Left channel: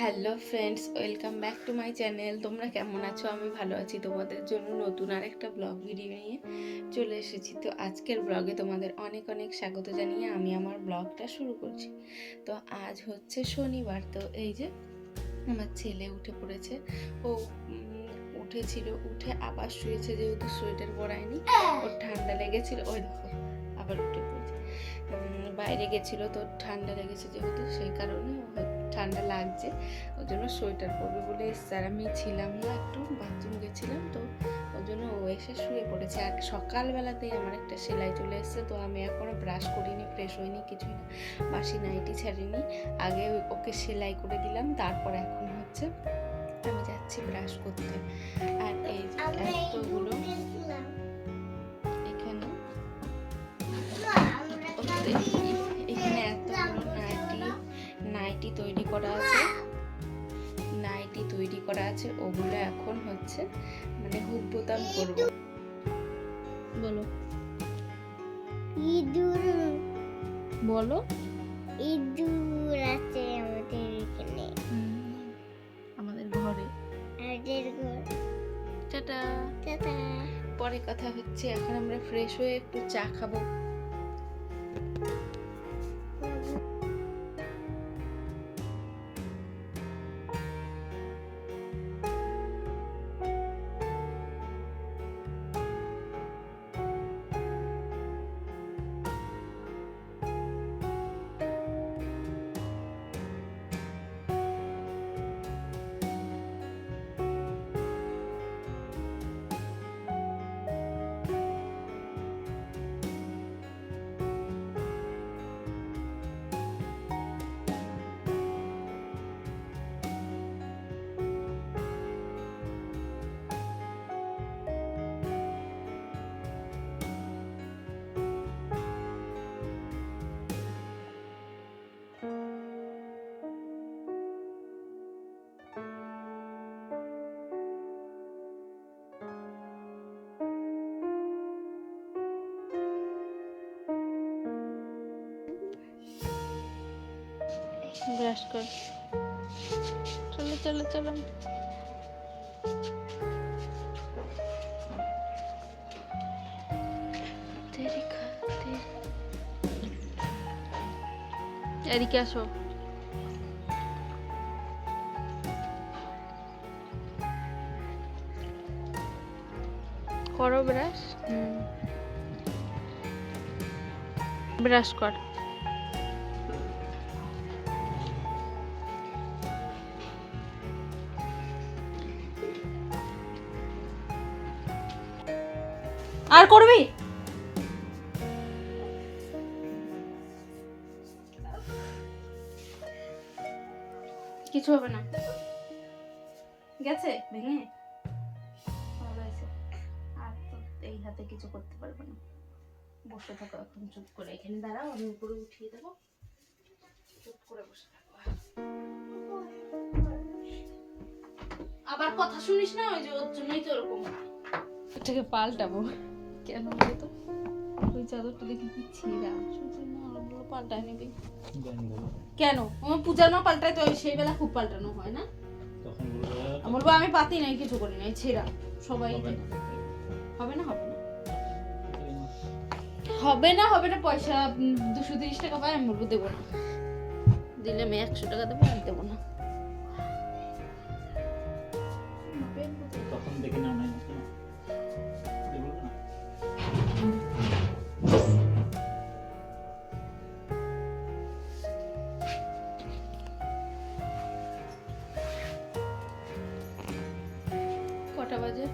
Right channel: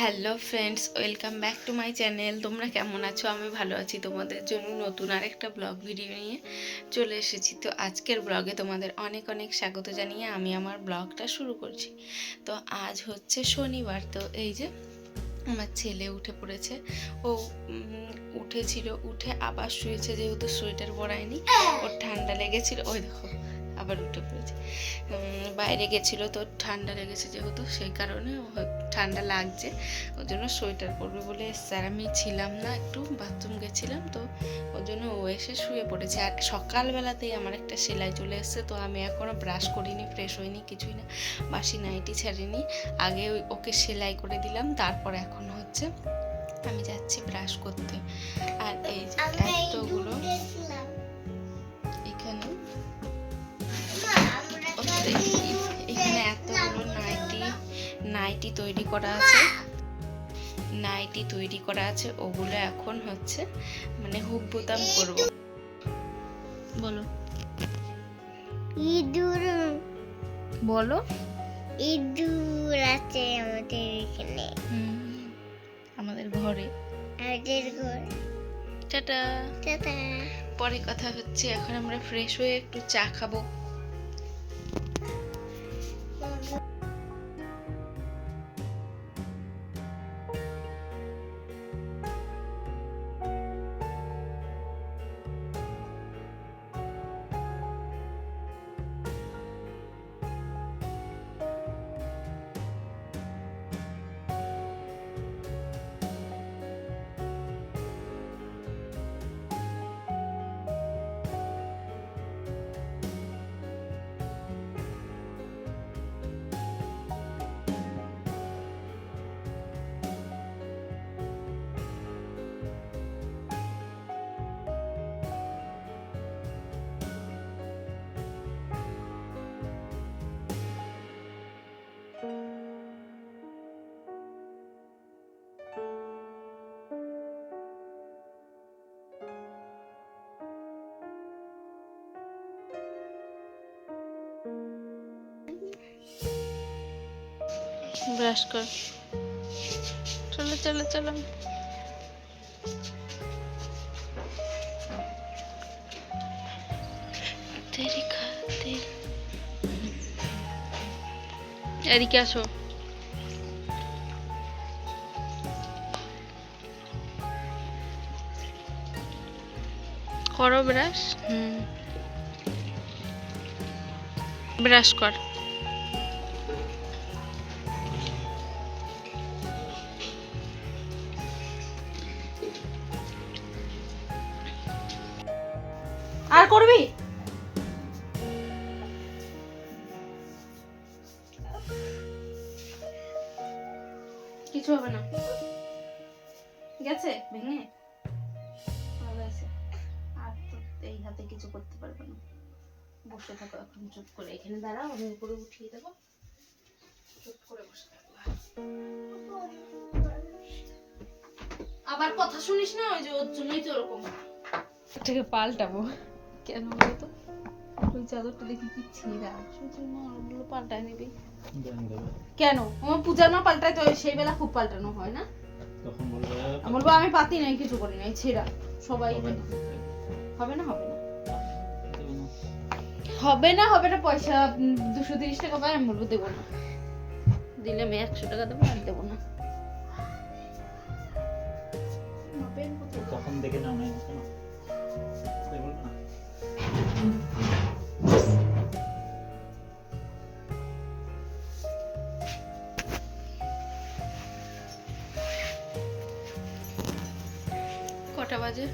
Hello friends welcome back to my channel তোমরা কেমন আছো? আমি ভালো আছি। তোমাদের জন্য নতুন আর একটা ব্লগ ভিডিও নিয়ে চলে এসেছি। তো আজকের ব্লগে তোমাদের অনেক অনেক স্বাগত জানিয়ে আমি আমার ব্লগটা শুরু করছি। তো আজ হচ্ছে শনিবার। তো এই যে আমার ছেলে উঠে পড়েছে। ও উঠেছিল, উঠে আবার শুয়েছে যেহেতু সোয়েটার পরায়নি। ওর ঠান্ডা লেগেছিল। ওই দেখো, আবার উঠে পড়েছে। বাইরে গেছিল তো ঠান্ডা লেগেছে যেহেতু, সেই কারণে ঠান্ডা লাগছে ওর জন্য সোয়েটার পরবে বলে এসছে আর আমি ছিলাম না একটু বাথরুম গেছিলাম তো ওর জন্য ও এসে শুয়ে পড়েছে। আর সকালবেলাতেই আমার একটা সেলাই চলে এসছে তো আমি এখনও ব্রাশ করিনি ফ্রেশ হইনি কিছুই না বাসি নাইটি ছাড়িনি। আগে ওই- ওকে সেলাই করে দিলাম তারপর এখন হচ্ছে আমি যাচ্ছি ব্রাশ করতে। আর এই এতগুলো এখানে নাইটি তৈরি করা আছে। নাইটি তৈরি করা আছে ওগুলো এখন হচ্ছে মানে হুক বোতাম করব। বলো। ইঁদুর। বলো। ইঁদুর আছে আমাদের এখানে। আমাদের ঘরে। আমাদের ঘরে। টাটা। টাটা। পরে কথা হচ্ছে এখন আমরা ফ্রেশ হয়ে একটু চা খাব। ব্রাশ কর। চলো চলো চলো। তেরি এদিকে আসো। করো ব্রাশ। হুম। ব্রাশ কর। আর করবি? কিছু হবে না। গেছে? ভেঙে? আর তো এই হাতে কিছু করতে পারবে না। বসে থাকো এখন, চুপ করে। এখানে দাঁড়াও, আমি উপরে উঠিয়ে দেবো। চুপ করে বসে থাকো। আবার কথা শুনিস না? ওই যে ওর জন্যই তো ওরকম এটাকে পাল্টাবো। কেন বলতো? ওই চাদরটা দেখি কি ছিঁড়া? সুচির মা ওগুলো পাল্টায় নিবি কেন? আমার পূজার মা পাল্টায় তো সেই বেলা খুব পাল্টানো হয় না? তখন আমি বলব আমি পাতি নাই কিছু করি নাই ছেঁড়া। সবাই হবে না। হবে না। হবে না হবে না? পয়সা দুশো তিরিশ টাকা পাই আমি বলব দেবো না। দিলে আমি একশো টাকা দেবো আর দেবো না। তখন দেখে নাই না? কটা বাজে?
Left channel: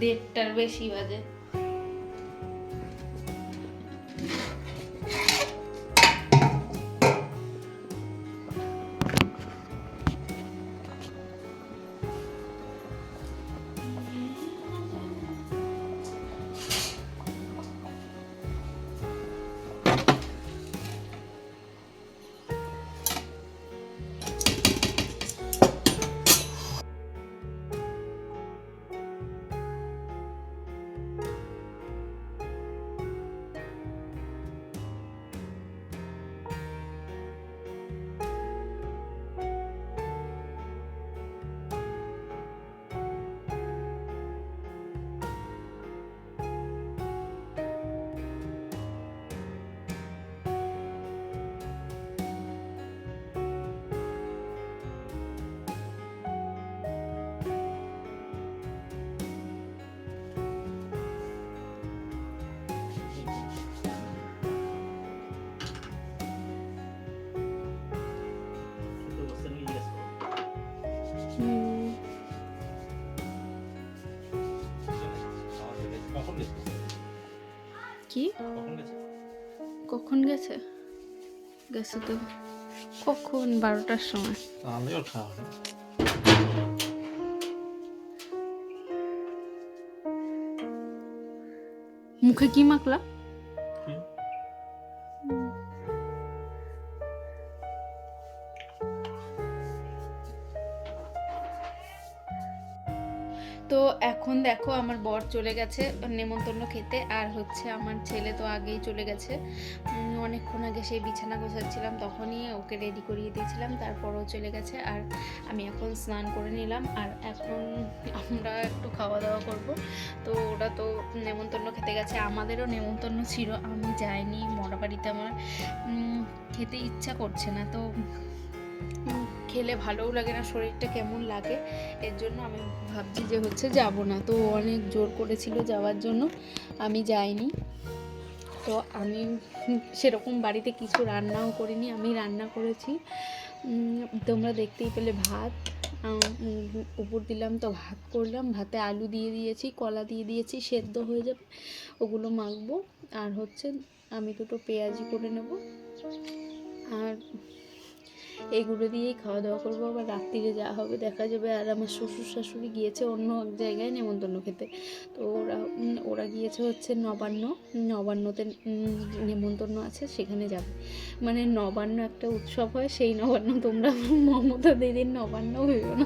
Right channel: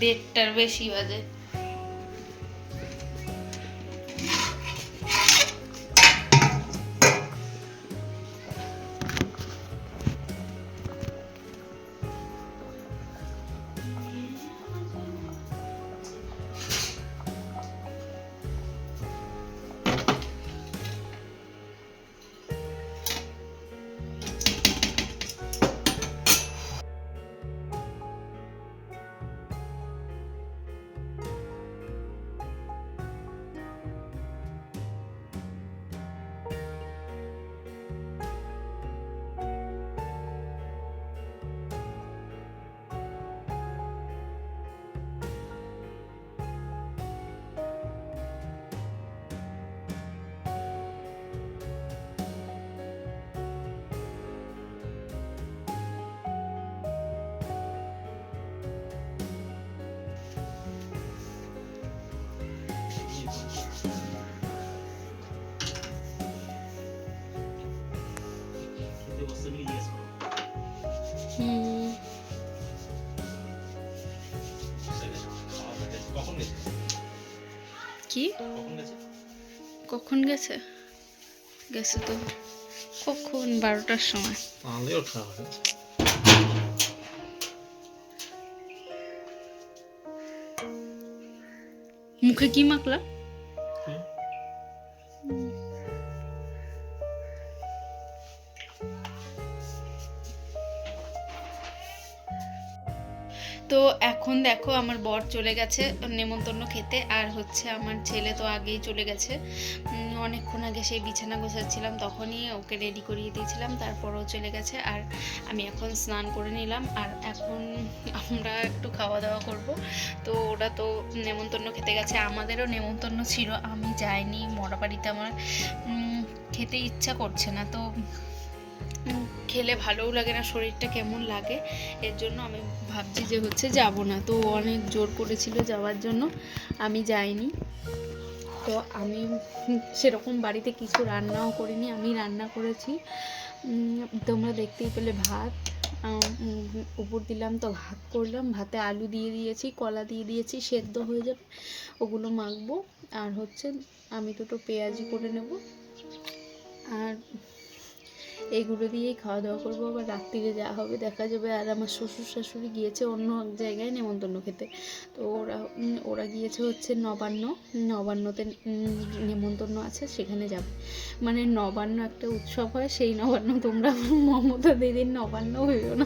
দেড়টার বেশি বাজে। কি? কখন গেছে? গেছে? তো কখন? বারোটার সময়। মুখে কি মাখলা? এখন দেখো আমার বর চলে গেছে নেমন্তন্ন খেতে, আর হচ্ছে আমার ছেলে তো আগেই চলে গেছে। অনেকক্ষণ আগে সেই বিছানা গোছাচ্ছিলাম, তখনই ওকে রেডি করিয়ে দিয়েছিলাম, তারপরও চলে গেছে, আর আমি এখন স্নান করে নিলাম, আর এখন আমরা একটু খাওয়া দাওয়া করব। তো ওরা তো নেমন্তন্ন খেতে গেছে, আমাদেরও নেমন্তন্ন ছিল, আমি যাইনি মরা বাড়িতে আমার খেতে ইচ্ছা করছে না, তো খেলে ভালোও লাগে না, শরীরটা কেমন লাগে, এর জন্য আমি ভাবছি যে হচ্ছে যাব না। তো অনেক জোর করেছিল যাওয়ার জন্য, আমি যাইনি। তো আমি সেরকম বাড়িতে কিছু রান্নাও করিনি, আমি রান্না করেছি। তোমরা দেখতেই পেলে ভাত। উপর দিলাম তো ভাত করলাম, ভাতে আলু দিয়ে দিয়েছি, কলা দিয়ে দিয়েছি, সেদ্ধ হয়ে যাবে, ওগুলো মাখবো। আর হচ্ছে আমি দুটো পেঁয়াজি করে নেব। আর এগুলো দিয়েই খাওয়া দাওয়া করব, আবার রাত্রিরে যা হবে দেখা যাবে। আর আমার শ্বশুর শাশুড়ি গিয়েছে অন্য এক জায়গায় নেমন্তন্ন খেতে। তো ওরা ওরা গিয়েছে হচ্ছে নবান্ন। নবান্নতে নেমন্তন্ন আছে, সেখানে যাবে। মানে নবান্ন একটা উৎসব হয়, সেই নবান্ন তোমরা মমতা দিদির নবান্ন হইও না।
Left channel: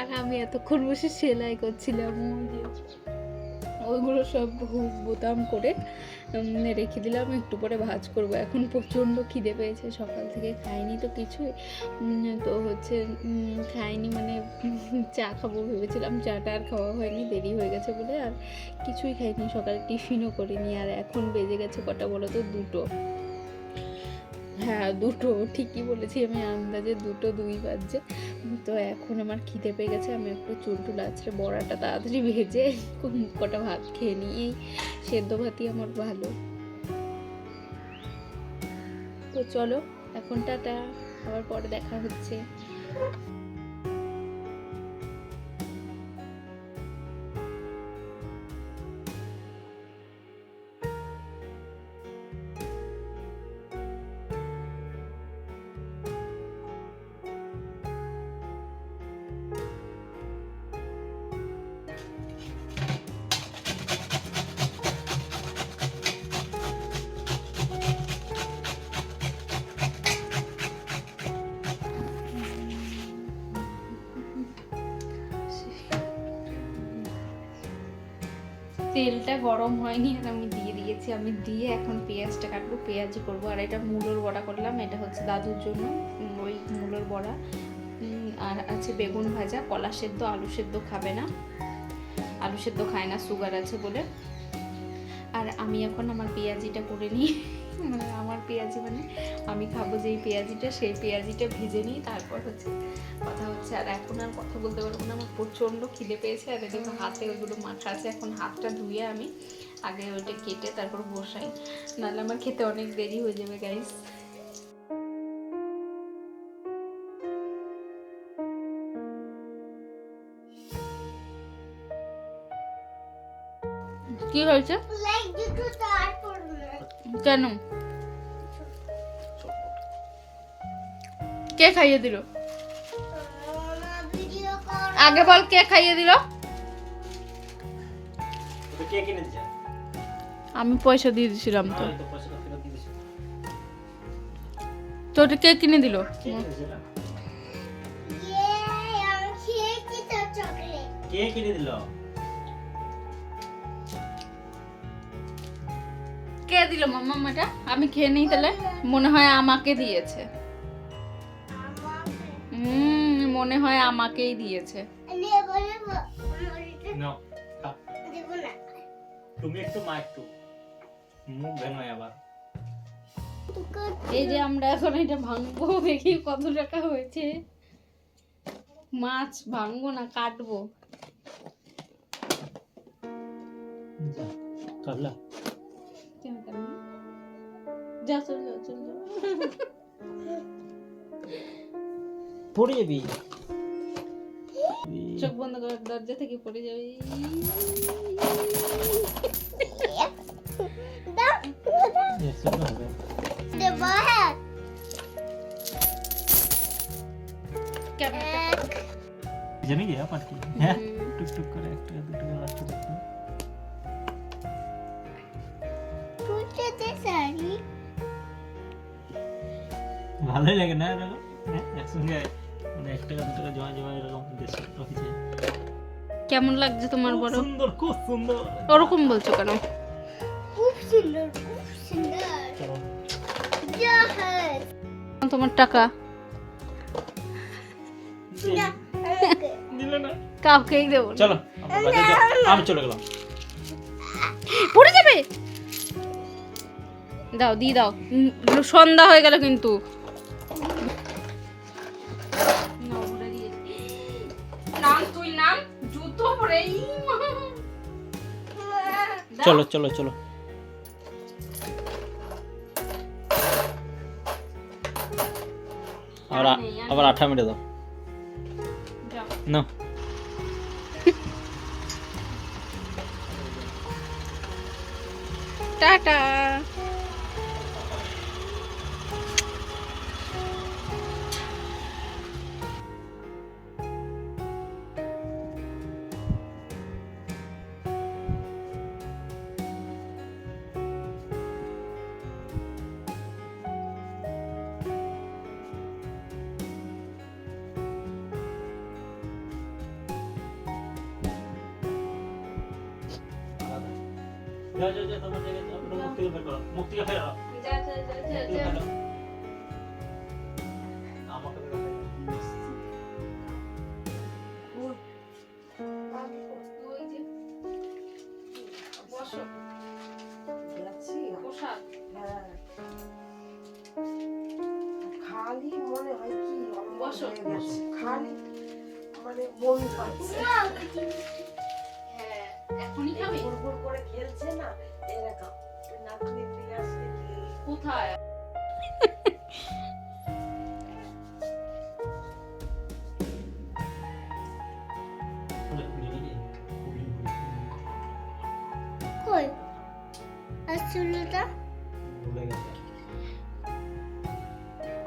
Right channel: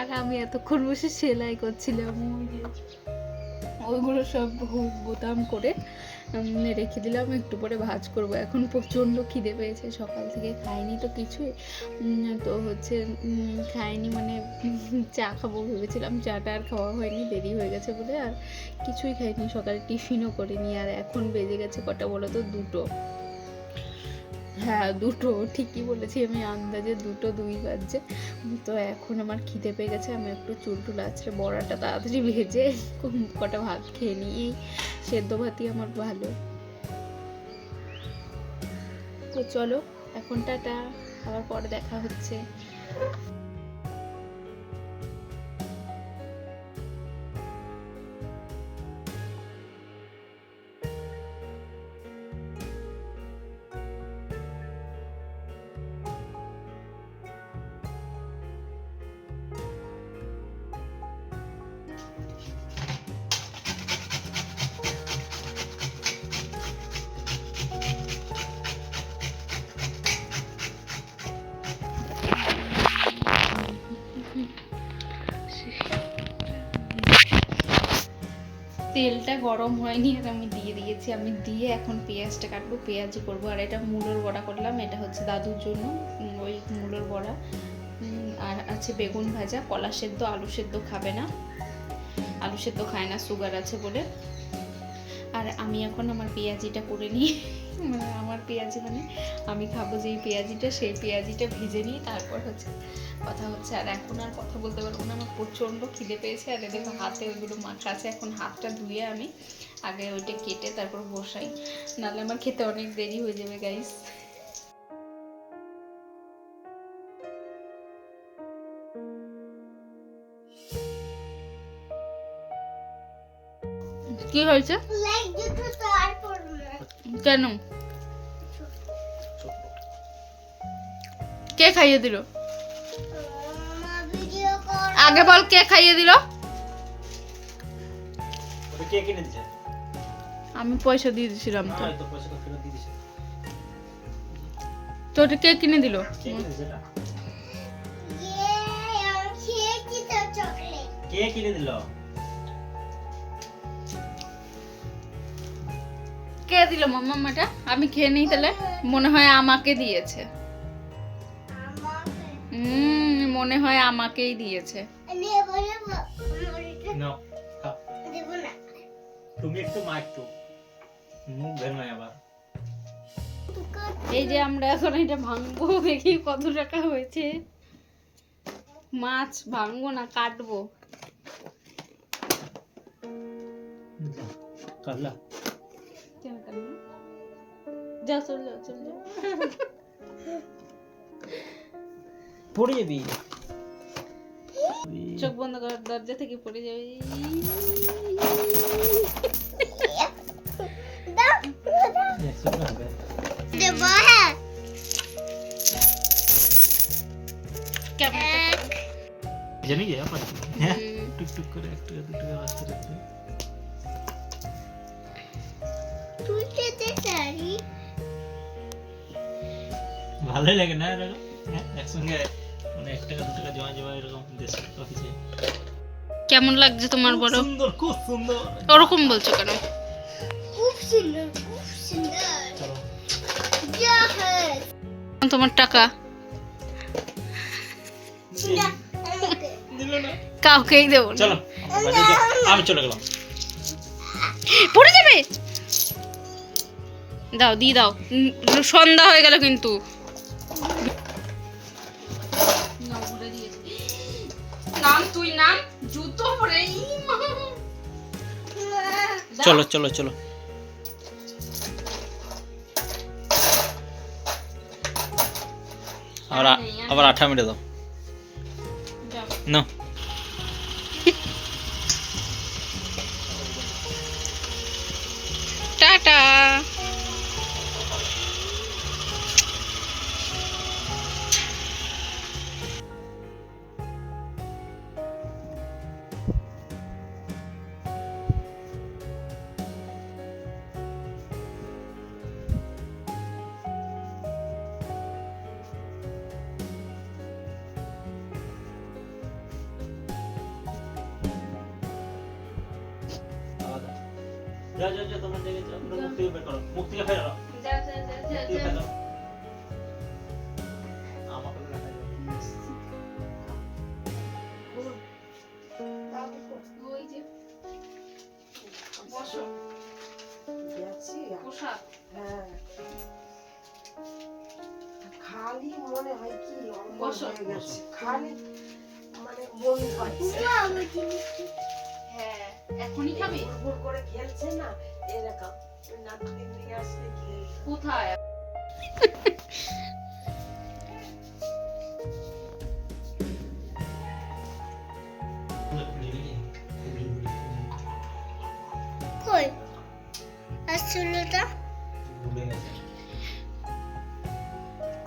আর আমি এতক্ষণ বসে সেলাই করছিলাম। ওইগুলো সব বোতাম করে রেখে দিলাম, একটু পরে ভাজ করব। এখন প্রচণ্ড খিদে পেয়েছে, সকাল থেকে খাইনি তো কিছুই। তো হচ্ছে খাইনি মানে চা খাব ভেবেছিলাম, চাটা আর খাওয়া হয়নি, দেরি হয়ে গেছে বলে আর কিছুই খাইনি। সকালে টিফিনও করিনি, আর এখন বেজে গেছে কটা বলো তো, দুটো। হ্যাঁ দুটো, ঠিকই বলেছি আমি আন্দাজে দুটো দুই বাজছে। তো এখন আমার খিদে পেয়ে গেছে, আমি একটু চুল টুল আছড়ে বড়াটা তাড়াতাড়ি ভেজে কটা ভাত খেয়ে নিই। সেদ্ধ ভাতই আমার ভালো। তো চলো, এখন টাটা, আবার পরে দেখা হচ্ছে। তেলটা গরম হয়নি, আর আমি দিয়ে দিয়েছি। আমি দিয়ে এখন পেঁয়াজটা কাটবো, পেঁয়াজি করব। আর এটা মূলোর বড়া করলাম, এটা হচ্ছে দাদুর জন্য ওই মূলোর বড়া। আর আছে বেগুন ভাজা, কলা সেদ্ধ, আলু সেদ্ধ খাবে না। আলু সেদ্ধ খায় না, সুগার আছে বলে। আর আমি এখন আমার পেঁয়াজিটা করে নিই। মানে আমার পেঁয়াজি মানে আমি খাব যেই পেঁয়াজিটা, সেই পেঁয়াজিটা ভেজে নিই, তারপর হচ্ছে কথা হচ্ছে, আর এখন আর কথা বলতে পারব না, আমার প্রচণ্ড খিদে পেয়েছে, আর দেখো হাতে ওইগুলো মাখা আছে, এখন হাতটা ধুয়ে আমি আগে ওইটা কেটে তারপর বসাই। নাহলে আমার খেতে অনেক দেরি হয়ে যাবে গাইস কি হয়েছে? লাইক দুটো তারপর কেন? কে খাইয়ে দিল? আগে বল কে খাইয়ে দিল? ওটা কে কিনে দিছে? আমি পয়সা দিয়ে দিয়েছিলাম তো। ওটা কে কিনে দিল? ইয়ে কে কিনে দিল? কে দিল মাম্মা এটা? আমি খেয়ে নিই তাহলে? মনে হয় আমাকে দিয়েছে। হুম মনে হয় আমাকেই দিয়েছে। তুমি একটু মুখ আবার। এই যে আমরা এখন এটা ভাঙবো দেখি কত টাকা হয়েছে। মাছ ভাঙবো না কাটবো। কাটলা। কেন কাটবো? যা চল যা চল যা পড়ে যাবি চোখ বন্ধ কর দরজা থেকে পড়ে যাবে জানি গিয়ে পাচ্ছি হ্যাঁ টুক টুক করে একটু দুটো রাস্তা একটু ভালোই লাগে না এরকম? হ্যাঁ, একসঙ্গে মানে এক টাকা দু টাকা জমা জমা এরকম দেশে অফিসে কেমন লাগছে তোমার বড় সুন্দর খুব সুন্দর। ওরকম বলছো কেন? খুব সুন্দর খুব সুন্দর। তোমার টাকা। কাউকেই দেবো চলো আমি চলে গেলাম। পড়ে যাবে? দাও দিয়ে দাও। সন্ধ্যা হয়ে গেল কিন্তু। নাম তুই নাম? জুতো পরে ই মা। চলো চলো চলো। আবার আবার আঠা মেরে দাও। না টাটা। যাও যাও যাও তোমার জায়গায় যাও পুরো মুখ বের করো মুখ থেকে ফেরো মুখ থেকে ফেরো আমাকে তো দেখাই যাবে। ওই যে। বসো। পোশাক। হ্যাঁ। খালি মনে হয় কি বসো। খালি মানে মন পাচ্ছে। হ্যাঁ এখনই খাবি? ভোর করে খেলছে না। এরকম দিকে আসলে খেলছে। কোথায়? কই? আর চুলোটা? ভুলে গেছে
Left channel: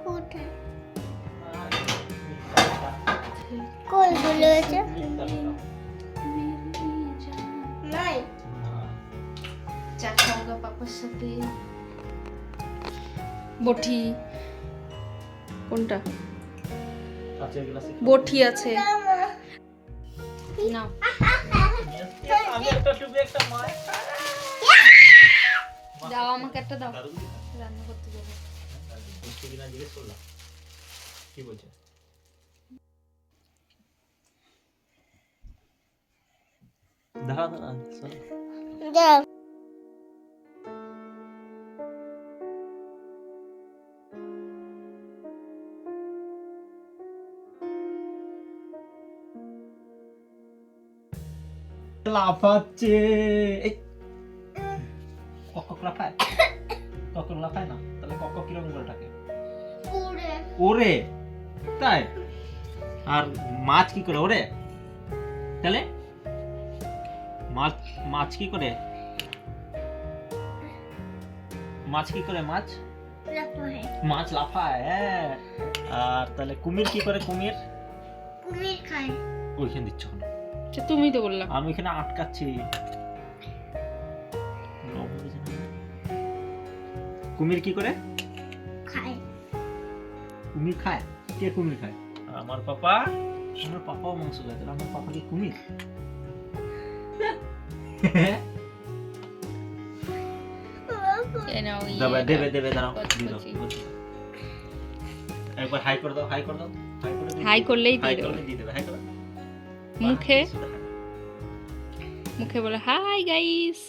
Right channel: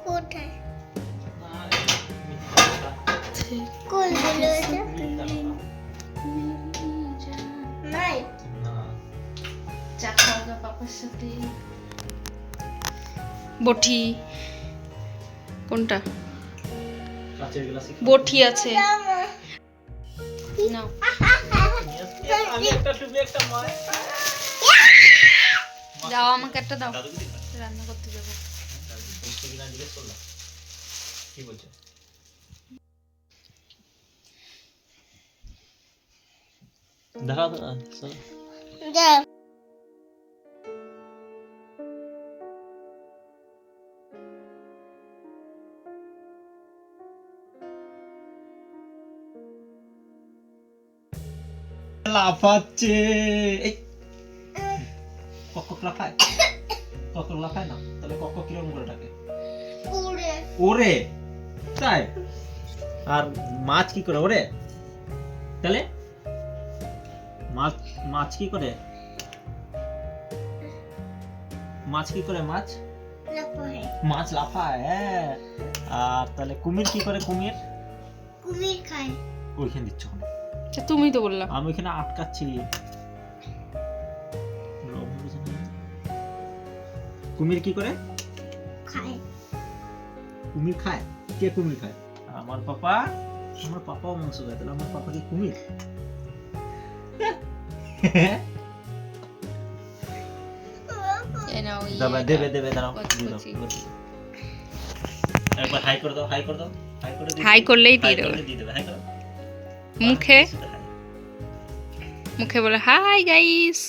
কোথায় কই মিথ্যা কথা। নাই। চা খাওগা পাপার সাথে। বটি কোনটা? বটি আছে। নাও। আমি একটা টুপি একটা মার দাও আমাকে একটা দাও। রান্না করতে যাব। কি বলছো? দাঁড়া দাঁড়া চল লাফাচ্ছে কক্কক লাফায় কক্কক লাফায় না? তাহলে কক্কক কীরকম করে থাকে? ওরে। তাই? আর মাছ কি করে? ওরে। তাহলে? মাছ মাছ কি করে? মাছ কি করে মাছ? লাফায়। মাছ লাফায় হ্যাঁ। আর তাহলে কুমির কি করে কুমির? কুমির খায়। ওইখানে দিচ্ছ কেন? আচ্ছা তুমি তো বললা। আমি এখানে আটকাচ্ছি। কুমির কি করে? খায়। কুমির খায়? কে কুমির খায়? আমার পাপা। আমার পাপাও মাংস খায়। তাহলে আমার পাপা কি কুমির? দাবা দেবে দাঁড়াও। একবার হাই করে দাও হাই করে দাও। হাই করে দিয়ে হাই দাও। করলেই দিয়ে দেবে। মুখে? মুখে বলে হাই গাইস